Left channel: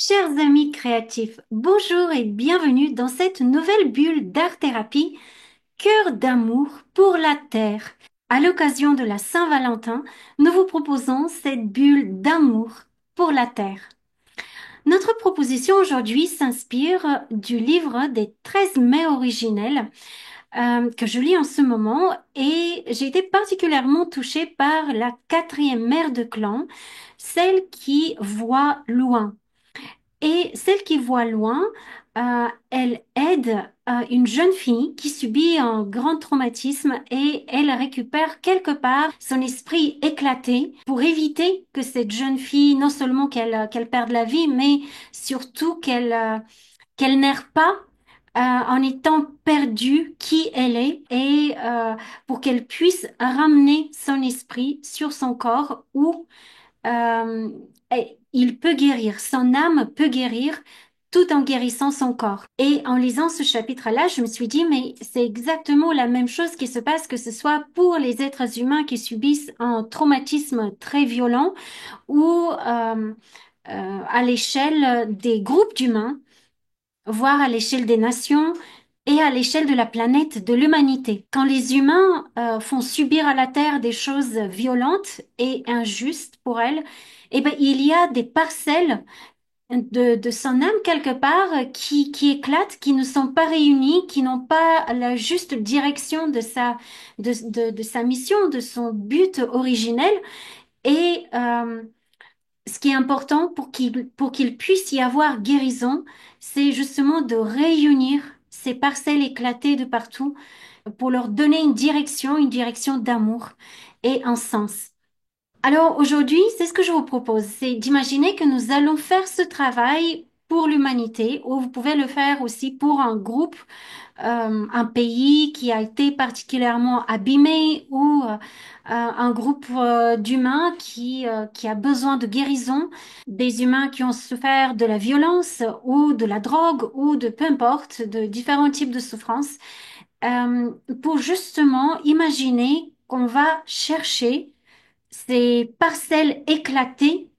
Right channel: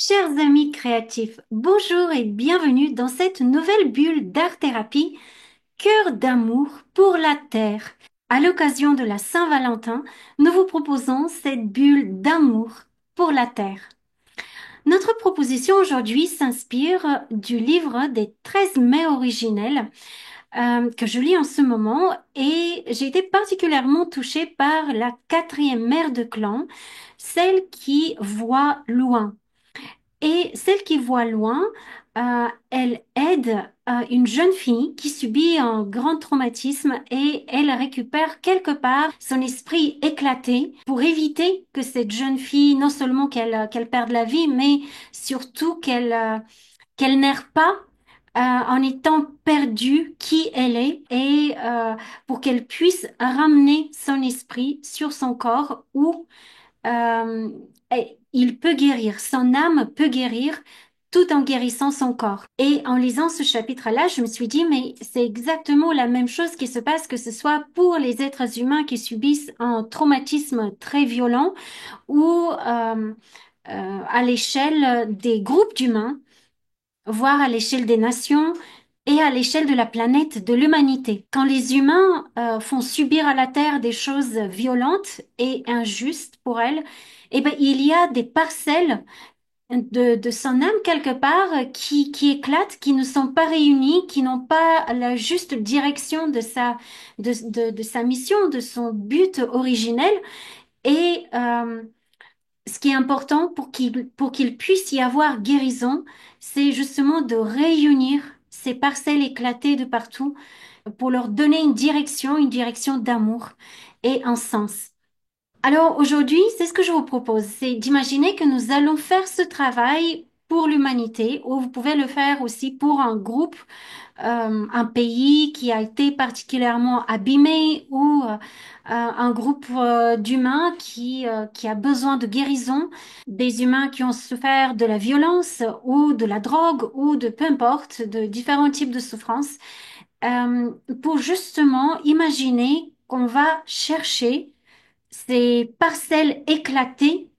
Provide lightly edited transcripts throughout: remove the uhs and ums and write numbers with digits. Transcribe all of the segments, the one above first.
Chers amis créatifs, bonjour et bienvenue dans cette nouvelle bulle d'art-thérapie, Cœur d'amour pour la Terre. À l'occasion de la Saint-Valentin, nous vous proposons cette bulle d'amour pour la Terre. Notre proposition aujourd'hui s'inspire du livre des 13 mets originels que je lis en ce moment et j'ai été particulièrement touchée par la quatrième mère de clan, celle qui voit loin. Et celle qui voit loin, elle aide une jeune fille qui subit un grand traumatisme et elle récupère quelque part son esprit éclaté pour éviter que cette jeune fille, non seulement qu'elle perde la vie, mais surtout qu'elle n'erre pas en étant perdue qui elle est et pour qu'elle puisse ramener son esprit sur son corps où euh, et il peut guérir, son âme peut guérir tout en guérissant son corps. Et en lisant ce chapitre-là, je me suis dit, mais c'est exactement la même chose qui se passe, que ce soit pour les êtres humains qui subissent un traumatisme très violent ou à l'échelle des groupes d'humains, voire à l'échelle des nations et à l'échelle de la planète, de l'humanité. Quand les humains font subir à la Terre des choses violentes et injustes pour elle, eh ben, il y a des parcelles de son âme quelque part qui éclatent, qui ne sont pas réunies, qui n'ont pas la juste direction de sa mission, de son but originel. Et ce qui est important pour qu'il puisse y avoir guérison, c'est justement de réunir ces parcelles éclatées de partout pour leur donner une direction d'amour et un sens. Alors aujourd'hui, c'est ce que je vous propose, c'est d'imaginer que nous allons faire ce travail pour l'humanité, ou vous pouvez le faire aussi pour un groupe, un pays qui a été particulièrement abîmé, ou un groupe d'humains qui a besoin de guérison, des humains qui ont souffert de la violence ou de la drogue ou de peu importe, de différents types de souffrances, pour justement imaginer qu'on va chercher ces parcelles éclatées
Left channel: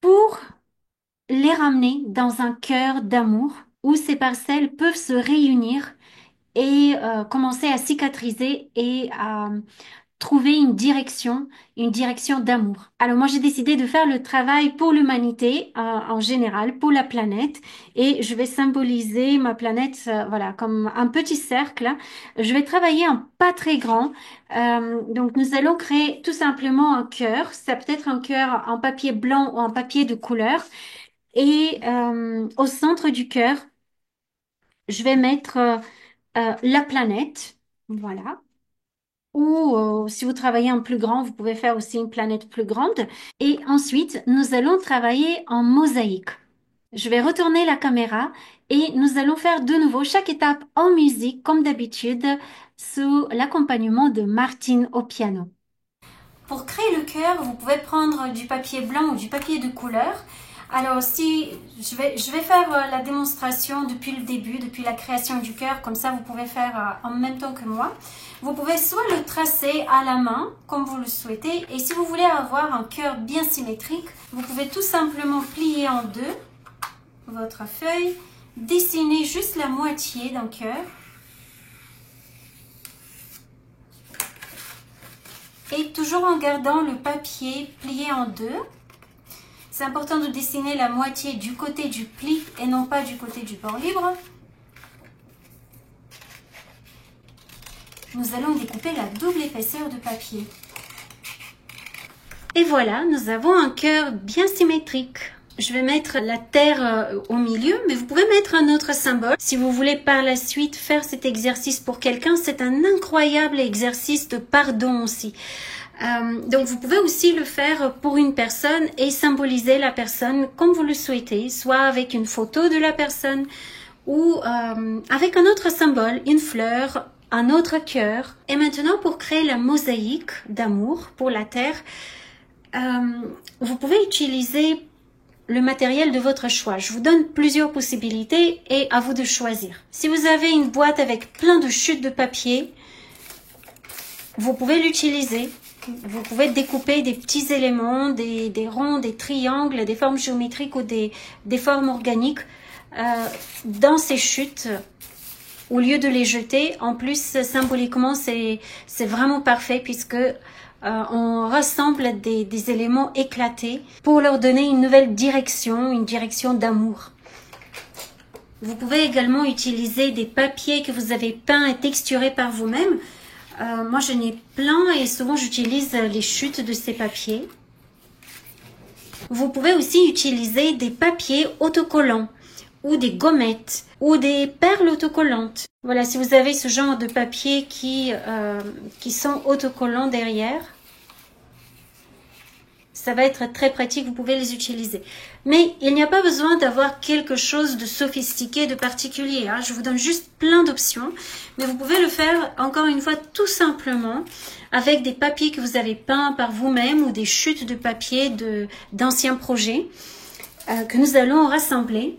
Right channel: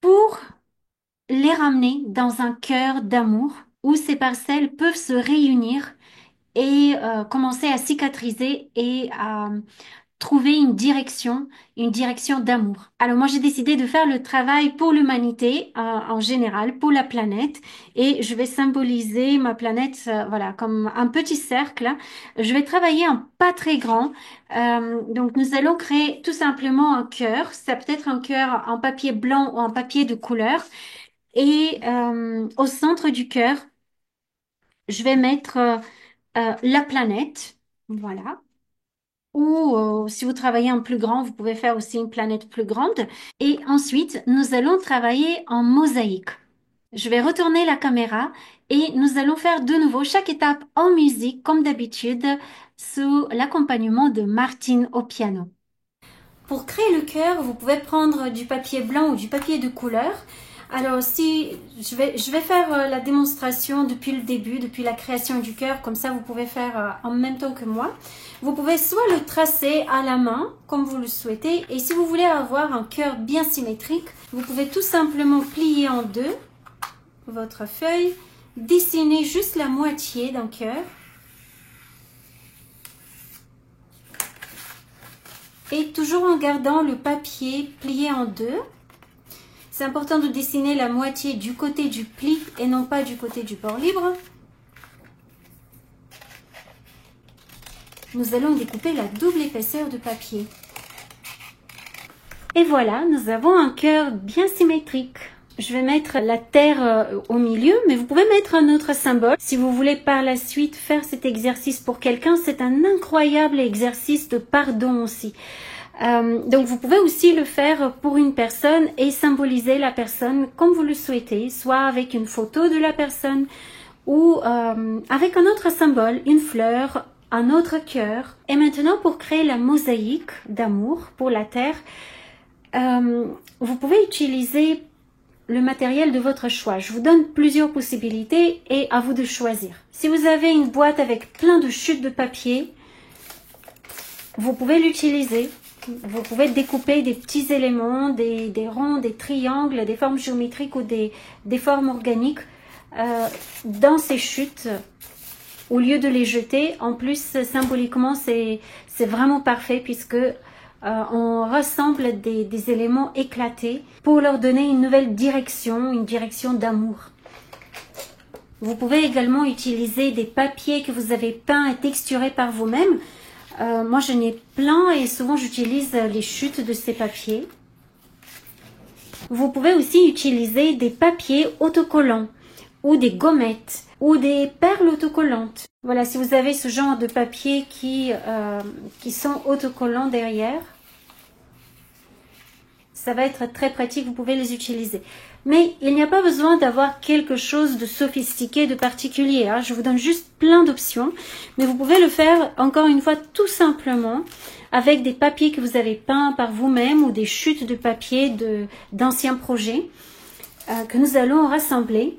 pour les ramener dans un cœur d'amour où ces parcelles peuvent se réunir et commencer à cicatriser et à trouver une direction d'amour. Alors moi j'ai décidé de faire le travail pour l'humanité en général, pour la planète, et je vais symboliser ma planète, voilà, comme un petit cercle. Je vais travailler en pas très grand. Donc nous allons créer tout simplement un cœur. Ça peut être un cœur en papier blanc ou en papier de couleur. Et au centre du cœur, je vais mettre la planète. Voilà. Ou si vous travaillez en plus grand, vous pouvez faire aussi une planète plus grande. Et ensuite, nous allons travailler en mosaïque. Je vais retourner la caméra et nous allons faire de nouveau chaque étape en musique, comme d'habitude, sous l'accompagnement de Martine au piano. Pour créer le cœur, vous pouvez prendre du papier blanc ou du papier de couleur. Alors, si je vais faire la démonstration depuis le début, depuis la création du cœur, comme ça vous pouvez faire en même temps que moi. Vous pouvez soit le tracer à la main, comme vous le souhaitez, et si vous voulez avoir un cœur bien symétrique, vous pouvez tout simplement plier en deux votre feuille, dessiner juste la moitié d'un cœur, et toujours en gardant le papier plié en deux. C'est important de dessiner la moitié du côté du pli et non pas du côté du bord libre. Nous allons découper la double épaisseur de papier. Et voilà, nous avons un cœur bien symétrique. Je vais mettre la terre au milieu, mais vous pouvez mettre un autre symbole. Si vous voulez par la suite faire cet exercice pour quelqu'un, c'est un incroyable exercice de pardon aussi. Donc vous pouvez aussi le faire pour une personne et symboliser la personne comme vous le souhaitez, soit avec une photo de la personne ou avec un autre symbole, une fleur, un autre cœur. Et maintenant, pour créer la mosaïque d'amour pour la terre, vous pouvez utiliser le matériel de votre choix. Je vous donne plusieurs possibilités et à vous de choisir. Si vous avez une boîte avec plein de chutes de papier, vous pouvez l'utiliser. Vous pouvez découper des petits éléments, des ronds, des triangles, des formes géométriques ou des formes organiques dans ces chutes au lieu de les jeter. En plus, symboliquement, c'est vraiment parfait puisque on rassemble des éléments éclatés pour leur donner une nouvelle direction, une direction d'amour. Vous pouvez également utiliser des papiers que vous avez peints et texturés par vous-même. Moi, j'en ai plein et souvent j'utilise les chutes de ces papiers. Vous pouvez aussi utiliser des papiers autocollants ou des gommettes ou des perles autocollantes. Voilà, si vous avez ce genre de papier qui sont autocollants derrière, ça va être très pratique, vous pouvez les utiliser. Mais il n'y a pas besoin d'avoir quelque chose de sophistiqué, de particulier. Hein. Je vous donne juste plein d'options, mais vous pouvez le faire, encore une fois, tout simplement avec des papiers que vous avez peints par vous-même ou des chutes de papier d'anciens projets que nous allons rassembler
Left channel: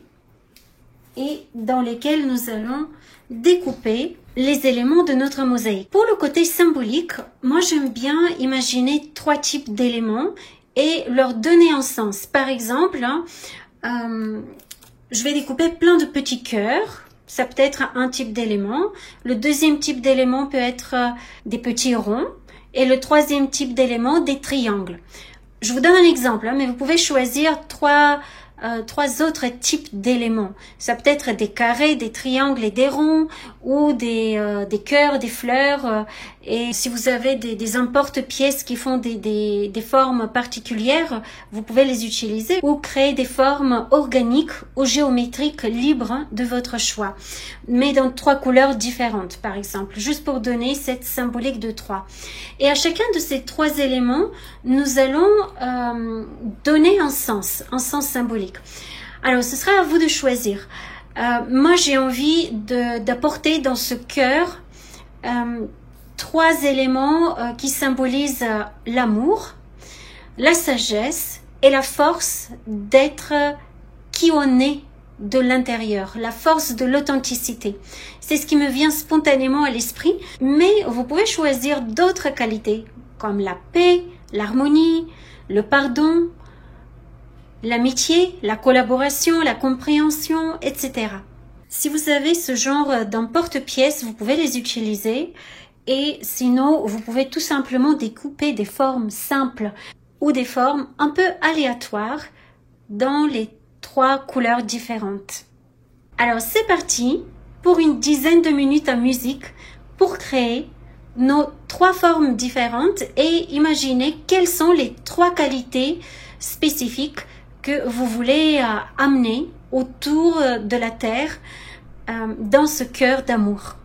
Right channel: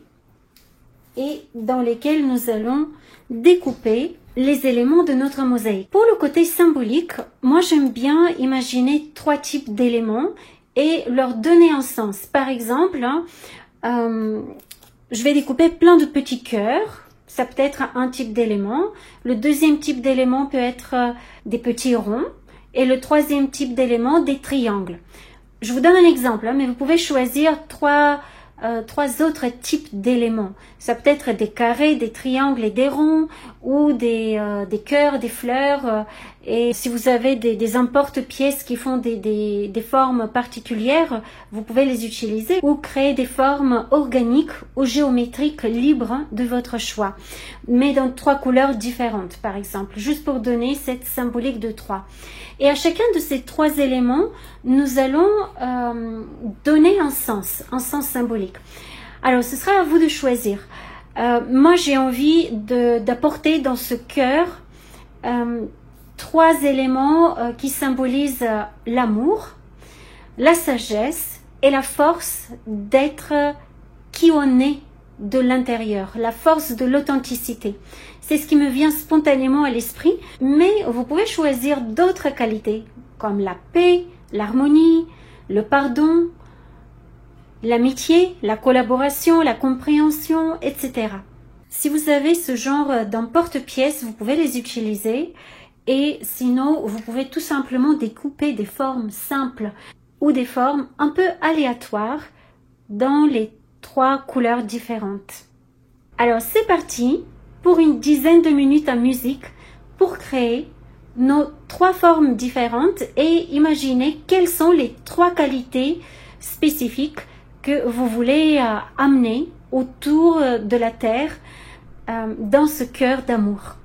et dans lesquels nous allons découper les éléments de notre mosaïque. Pour le côté symbolique, moi j'aime bien imaginer 3 types d'éléments et leur donner un sens. Par exemple, je vais découper plein de petits cœurs. Ça peut être un type d'élément. Le deuxième type d'élément peut être des petits ronds. Et le troisième type d'élément, des triangles. Je vous donne un exemple, hein, mais vous pouvez choisir trois autres types d'éléments. Ça peut être des carrés, des triangles et des ronds, ou des cœurs, des fleurs. Et si vous avez des emporte-pièces qui font des formes particulières, vous pouvez les utiliser ou créer des formes organiques ou géométriques libres de votre choix, mais dans 3 couleurs différentes, par exemple, juste pour donner cette symbolique de 3. Et à chacun de ces 3 éléments, nous allons donner un sens symbolique. Alors, ce sera à vous de choisir. Moi, j'ai envie d'apporter dans ce cœur 3 éléments qui symbolisent l'amour, la sagesse et la force d'être qui on est de l'intérieur, la force de l'authenticité. C'est ce qui me vient spontanément à l'esprit, mais vous pouvez choisir d'autres qualités comme la paix, l'harmonie, le pardon, l'amitié, la collaboration, la compréhension, etc. Si vous avez ce genre d'emporte-pièces, vous pouvez les utiliser et sinon, vous pouvez tout simplement découper des formes simples ou des formes un peu aléatoires dans les 3 couleurs différentes. Alors, c'est parti pour une dizaine de minutes en musique pour créer nos 3 formes différentes et imaginer quelles sont les 3 qualités spécifiques que vous voulez amener autour de la Terre dans ce cœur d'amour.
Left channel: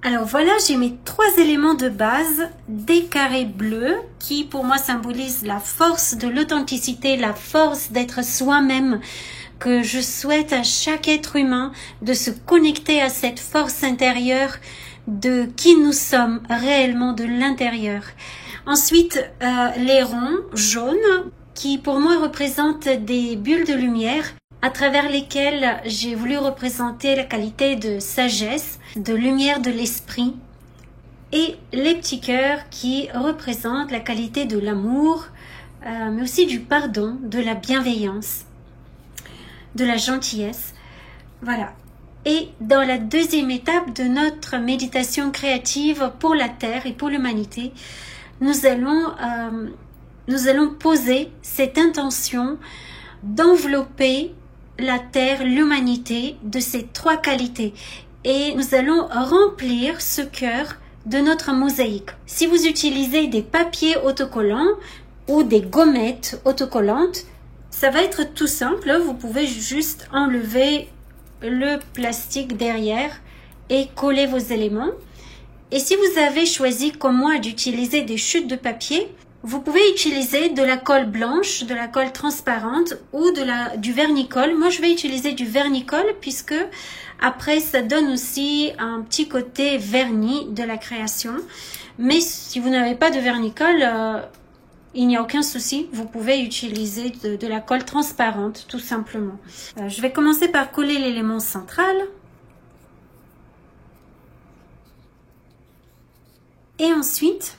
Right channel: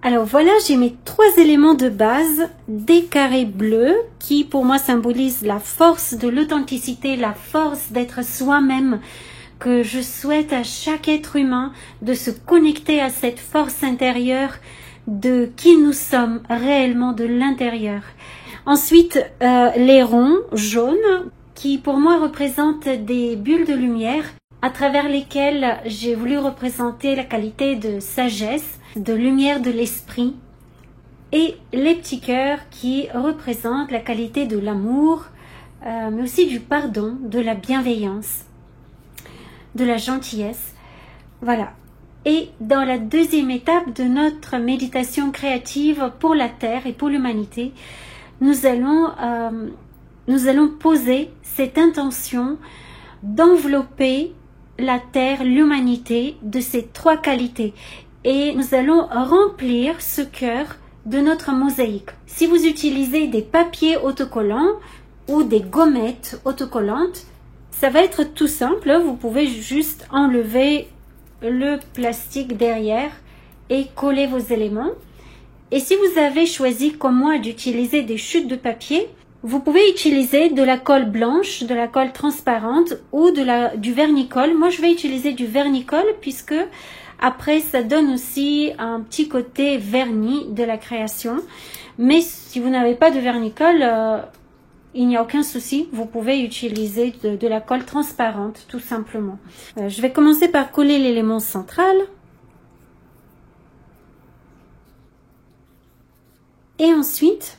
Alors voilà, j'ai mes 3 éléments de base, des carrés bleus qui pour moi symbolisent la force de l'authenticité, la force d'être soi-même, que je souhaite à chaque être humain de se connecter à cette force intérieure de qui nous sommes réellement de l'intérieur. Ensuite, les ronds jaunes qui pour moi représentent des bulles de lumière à travers lesquelles j'ai voulu représenter la qualité de sagesse, de lumière de l'esprit, et les petits cœurs qui représentent la qualité de l'amour, mais aussi du pardon, de la bienveillance, de la gentillesse. Voilà. Et dans la deuxième étape de notre méditation créative pour la Terre et pour l'humanité, nous allons poser cette intention d'envelopper la Terre, l'humanité, de ces 3 qualités. Et nous allons remplir ce cœur de notre mosaïque. Si vous utilisez des papiers autocollants ou des gommettes autocollantes, ça va être tout simple. Vous pouvez juste enlever le plastique derrière et coller vos éléments. Et si vous avez choisi, comme moi, d'utiliser des chutes de papier, vous pouvez utiliser de la colle blanche, de la colle transparente ou du vernicole. Moi, je vais utiliser du vernicole puisque après, ça donne aussi un petit côté vernis de la création. Mais si vous n'avez pas de vernicole, il n'y a aucun souci. Vous pouvez utiliser de la colle transparente, tout simplement. Je vais commencer par coller l'élément central. Et ensuite,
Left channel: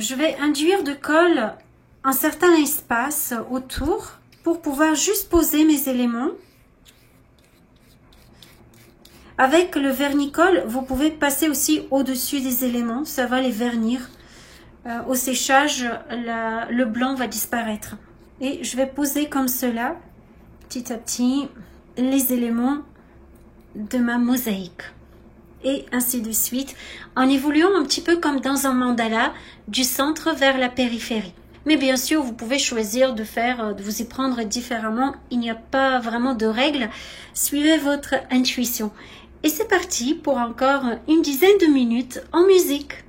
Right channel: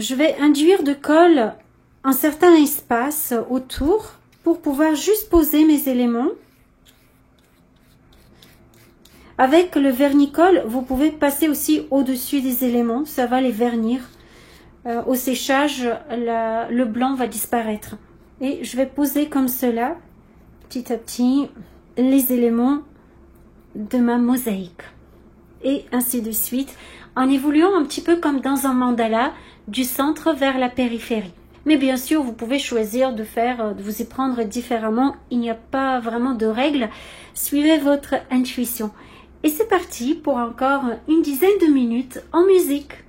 je vais induire de colle un certain espace autour pour pouvoir juste poser mes éléments. Avec le vernicole, vous pouvez passer aussi au-dessus des éléments, ça va les vernir. Au séchage, le blanc va disparaître. Et je vais poser comme cela, petit à petit, les éléments de ma mosaïque. Et ainsi de suite, en évoluant un petit peu comme dans un mandala, du centre vers la périphérie. Mais bien sûr, vous pouvez choisir de vous y prendre différemment. Il n'y a pas vraiment de règles. Suivez votre intuition. Et c'est parti pour encore une dizaine de minutes en musique.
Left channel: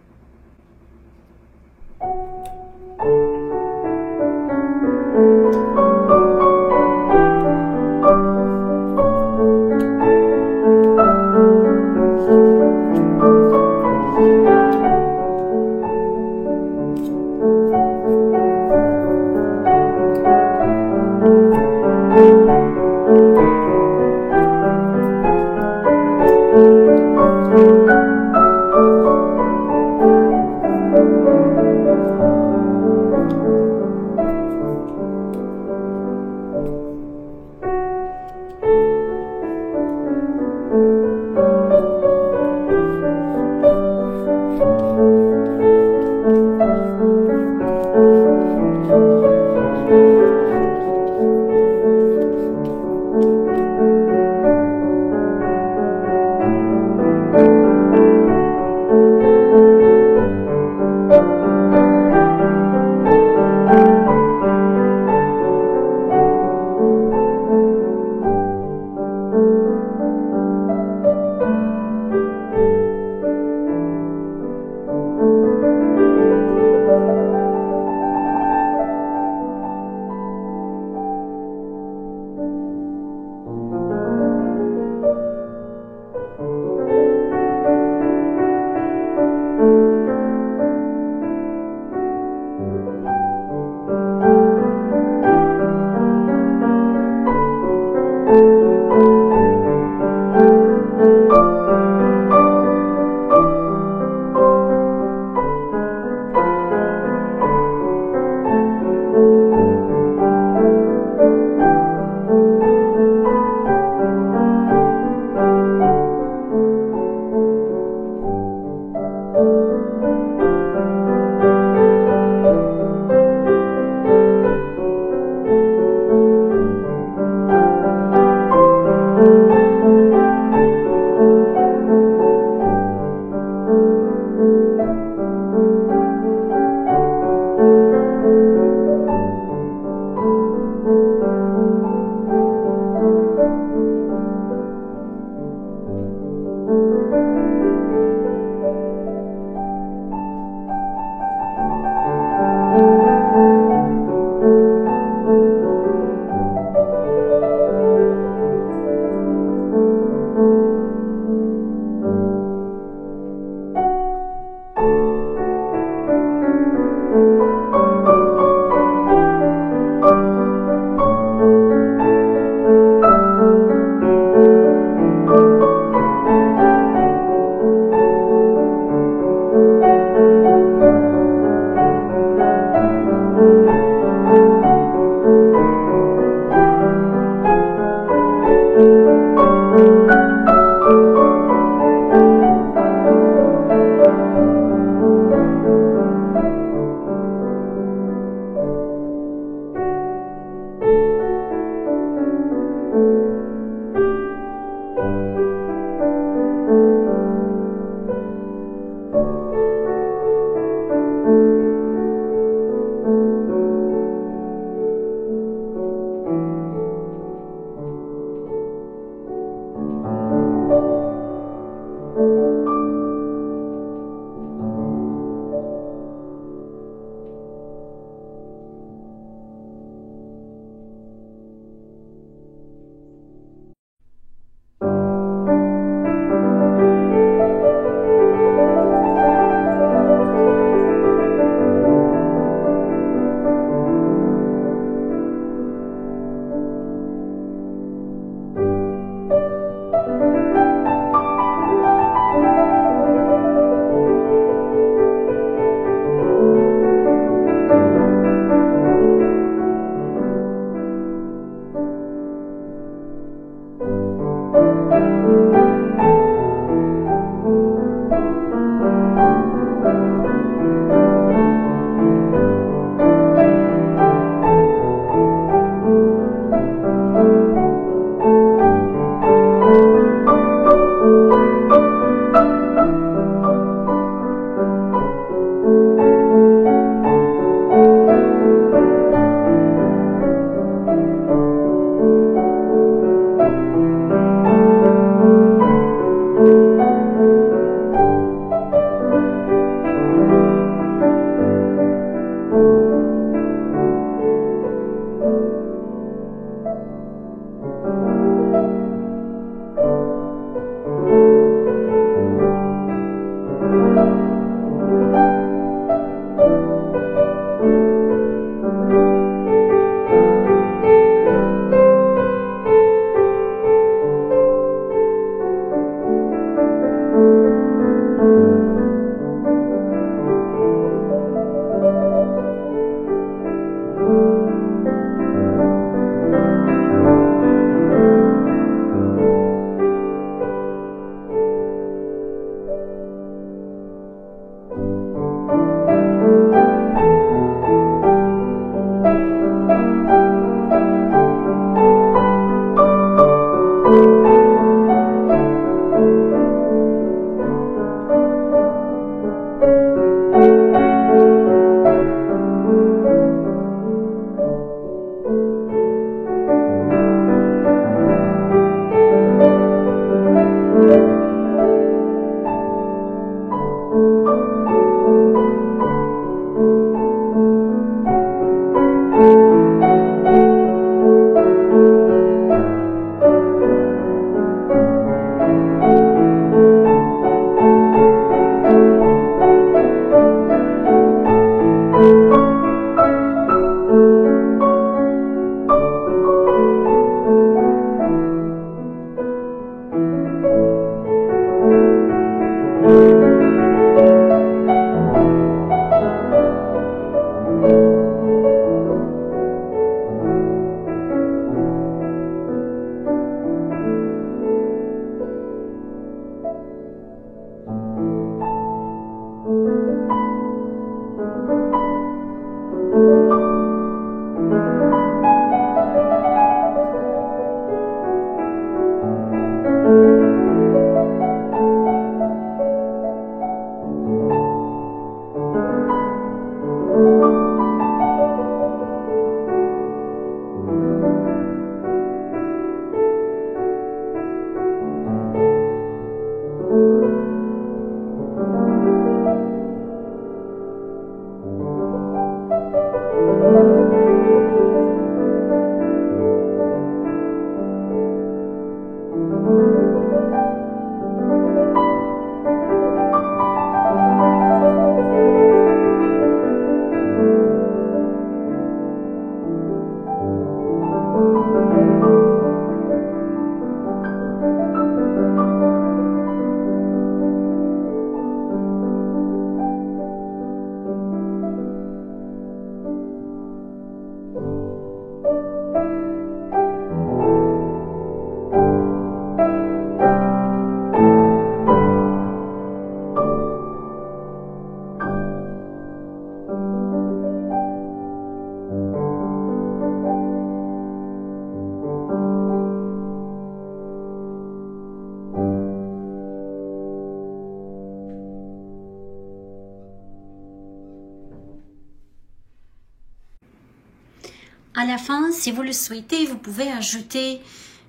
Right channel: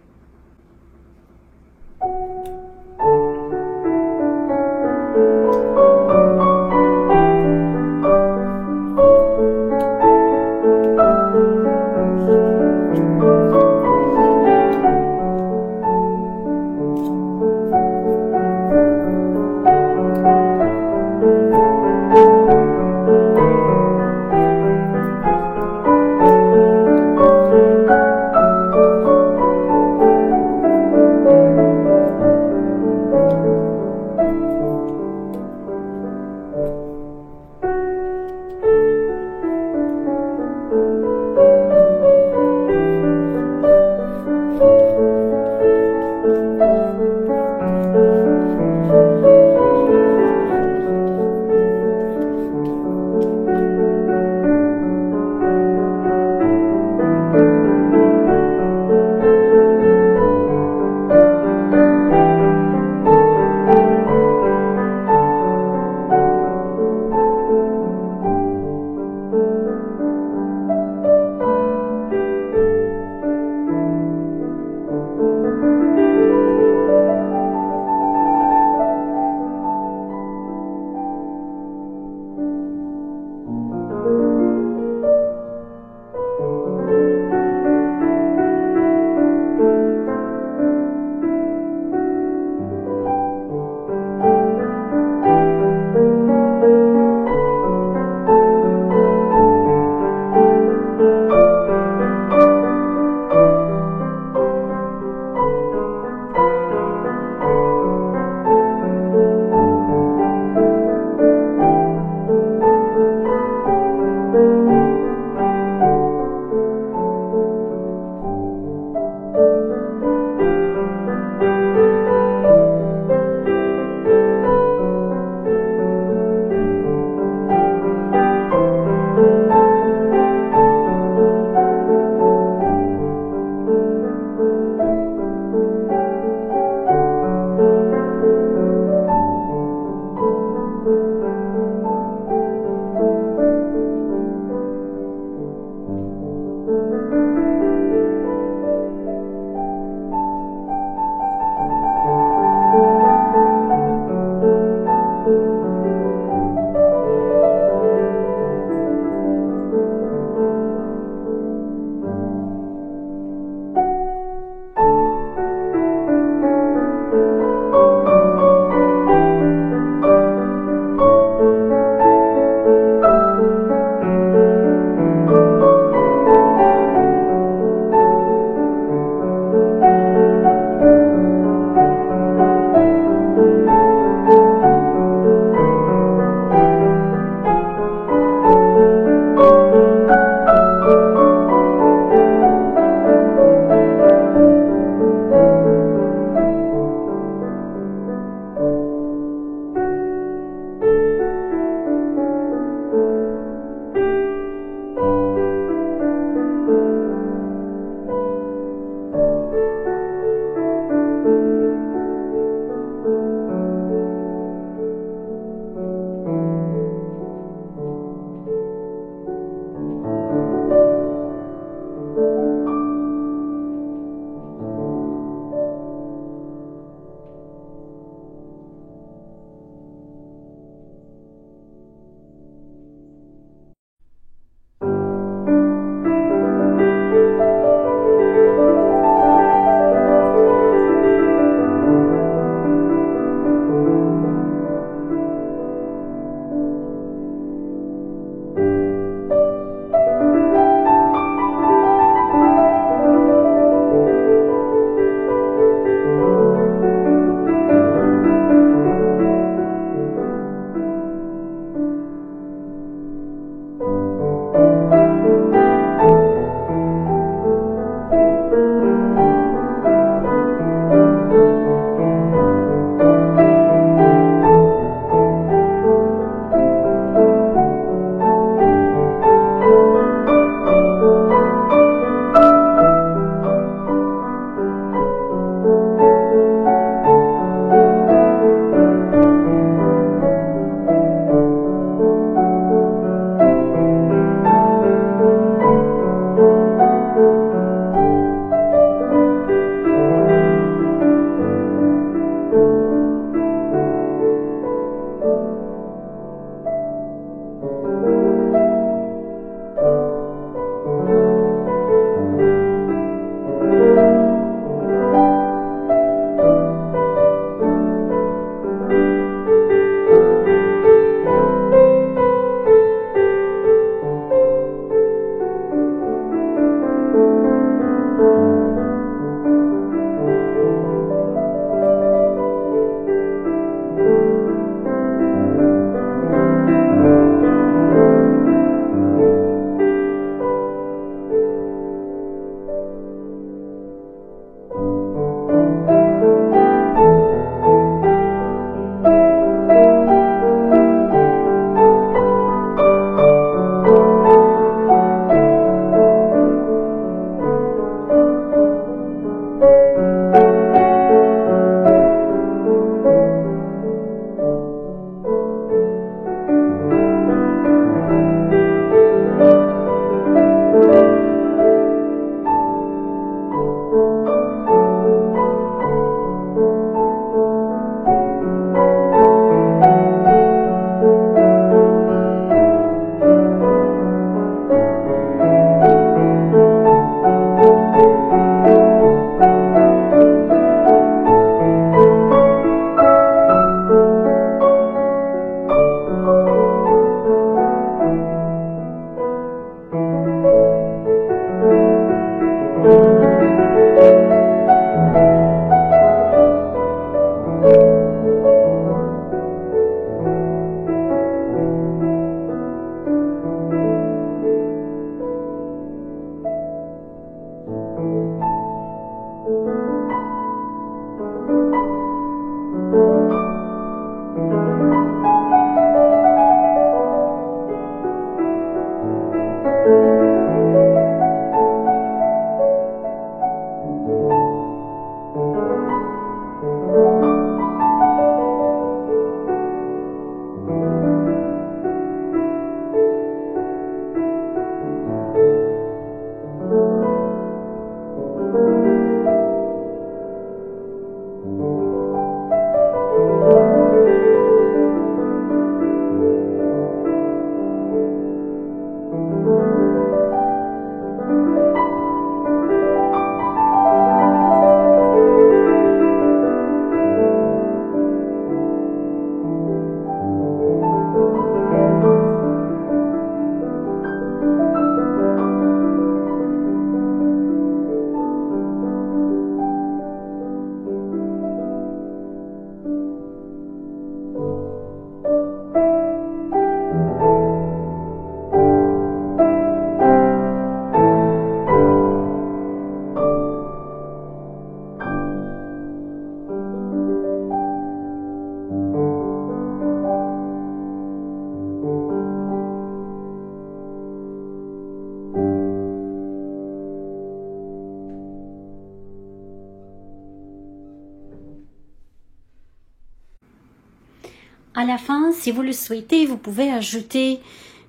À la fin, si vous le souhaitez, vous pouvez ajouter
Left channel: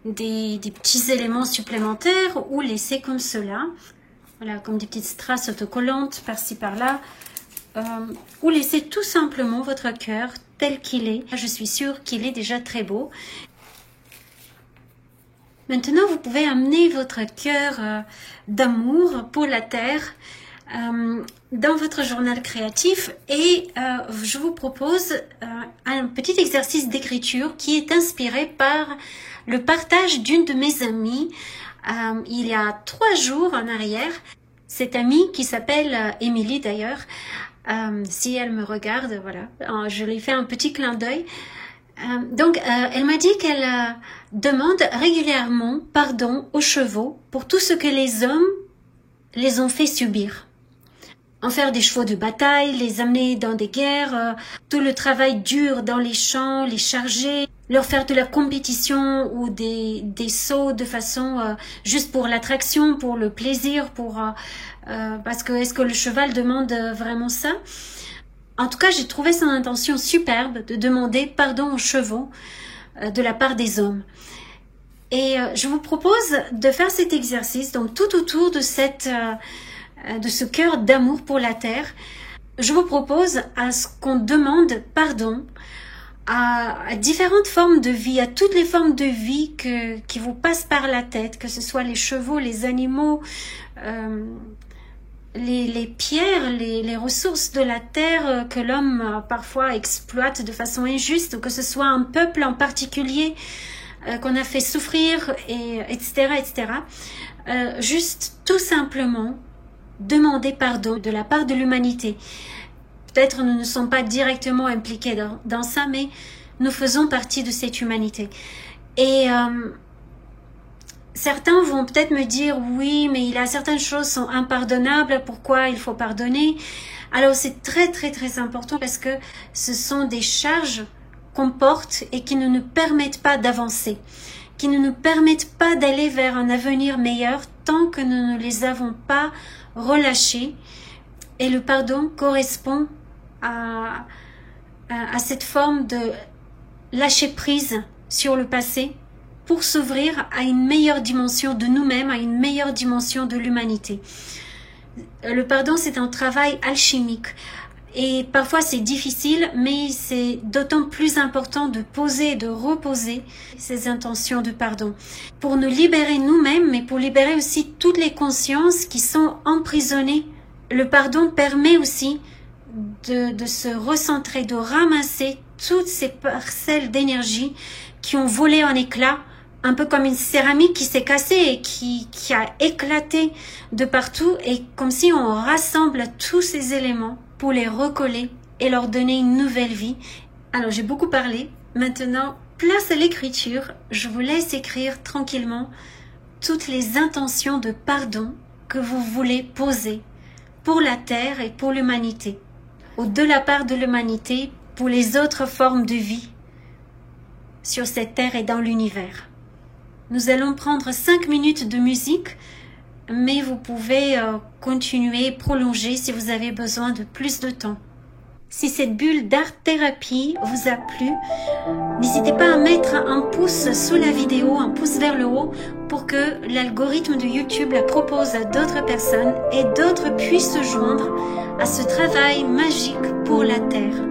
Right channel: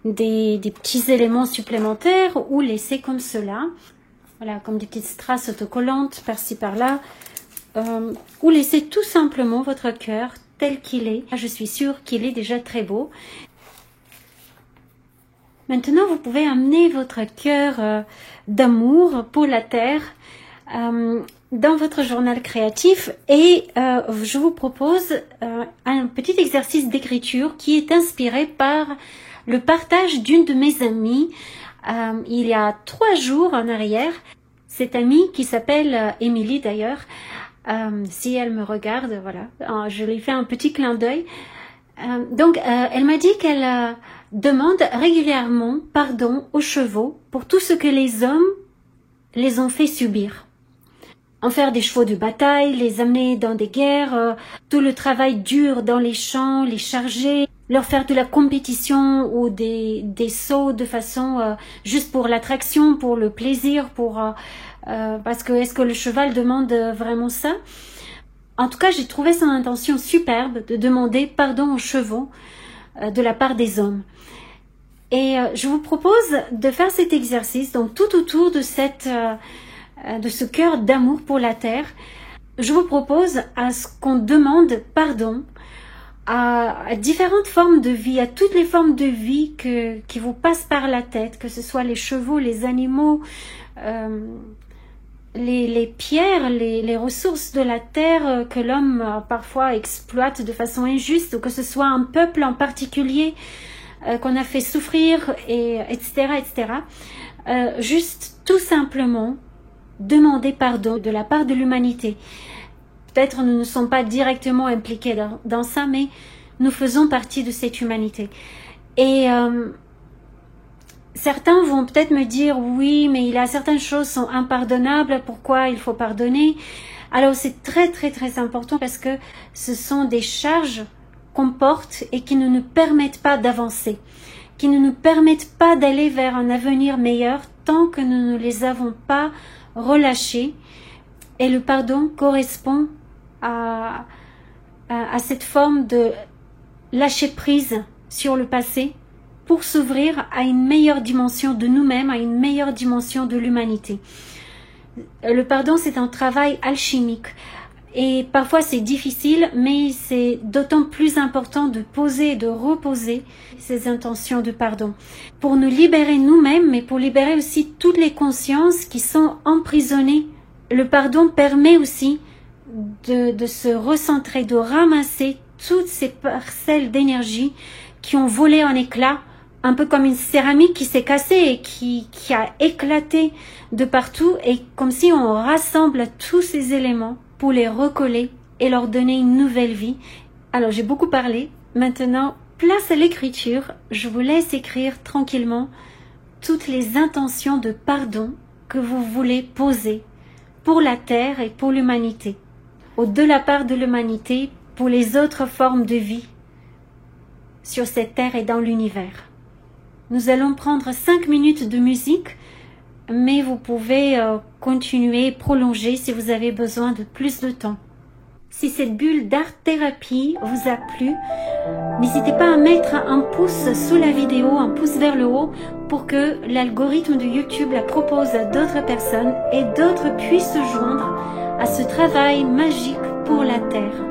des petits éléments supplémentaires ou laisser comme cela. Voilà, comme des petites strass autocollantes par-ci par-là. Ou laisser tout simplement votre cœur tel qu'il est. Je suis sûre qu'il est déjà très beau. Maintenant, vous pouvez amener votre cœur d'amour pour la terre dans votre journal créatif et je vous propose un petit exercice d'écriture qui est inspiré par le partage d'une de mes amies il y a 3 jours en arrière. Cette amie qui s'appelle Émilie d'ailleurs, si elle me regarde, voilà, je lui fais un petit clin d'œil. Donc, elle m'a dit qu'elle demande régulièrement pardon aux chevaux pour tout ce que les hommes les ont fait subir. En faire des chevaux de bataille, les amener dans des guerres, tout le travail dur dans les champs, les charger, leur faire de la compétition ou des sauts de façon juste pour l'attraction, pour le plaisir, parce que est-ce que le cheval demande vraiment ça? En tout cas, j'ai trouvé son intention superbe de demander pardon aux chevaux de la part des hommes. Et je vous propose de faire cet exercice, donc tout autour de ce cœur d'amour pour la terre. Je vous propose à ce qu'on demande pardon à différentes formes de vie, à toutes les formes de vie qui vous passent par la tête, que ce soit les chevaux, les animaux, les pierres, les ressources de la terre que l'homme parfois exploite de façon injuste, ou que ce soit un peuple en particulier qu'on a fait souffrir, etc., etc. Juste tout simplement demander pardon de la part de l'humanité. Peut-être nous ne sommes pas directement impliqués dans ça, mais nous faisons partie de cette humanité. Et certains vont peut-être me dire, oui, mais il y a certaines choses qui sont impardonnables, pourquoi il faut pardonner? Alors c'est très très très important parce que ce sont des charges qu'on porte et qui ne nous permettent pas d'avancer, qui ne nous permettent pas d'aller vers un avenir meilleur tant que nous ne les avons pas relâchées. Et le pardon correspond à cette forme de lâcher prise sur le passé pour s'ouvrir à une meilleure dimension de nous-mêmes, à une meilleure dimension de l'humanité. Le pardon, c'est un travail alchimique. Et parfois c'est difficile, mais c'est d'autant plus important de poser et de reposer ces intentions de pardon. Pour nous libérer nous-mêmes, mais pour libérer aussi toutes les consciences qui sont emprisonnées. Le pardon permet aussi de se recentrer, de ramasser toutes ces parcelles d'énergie qui ont volé en éclats, un peu comme une céramique qui s'est cassée et qui a éclaté de partout, et comme si on rassemble tous ces éléments pour les recoller et leur donner une nouvelle vie. Alors j'ai beaucoup parlé, maintenant place à l'écriture, je vous laisse écrire tranquillement toutes les intentions de pardon que vous voulez poser pour la terre et pour l'humanité, de la part de l'humanité, pour les autres formes de vie sur cette terre et dans l'univers. Nous allons prendre 5 minutes de musique, mais vous pouvez continuer, prolonger si vous avez besoin de plus de temps. Si cette bulle d'art-thérapie vous a plu, n'hésitez pas à mettre un pouce sous la vidéo, un pouce vers le haut, pour que l'algorithme de YouTube la propose à d'autres personnes et d'autres puissent se joindre à ce travail magique pour la Terre.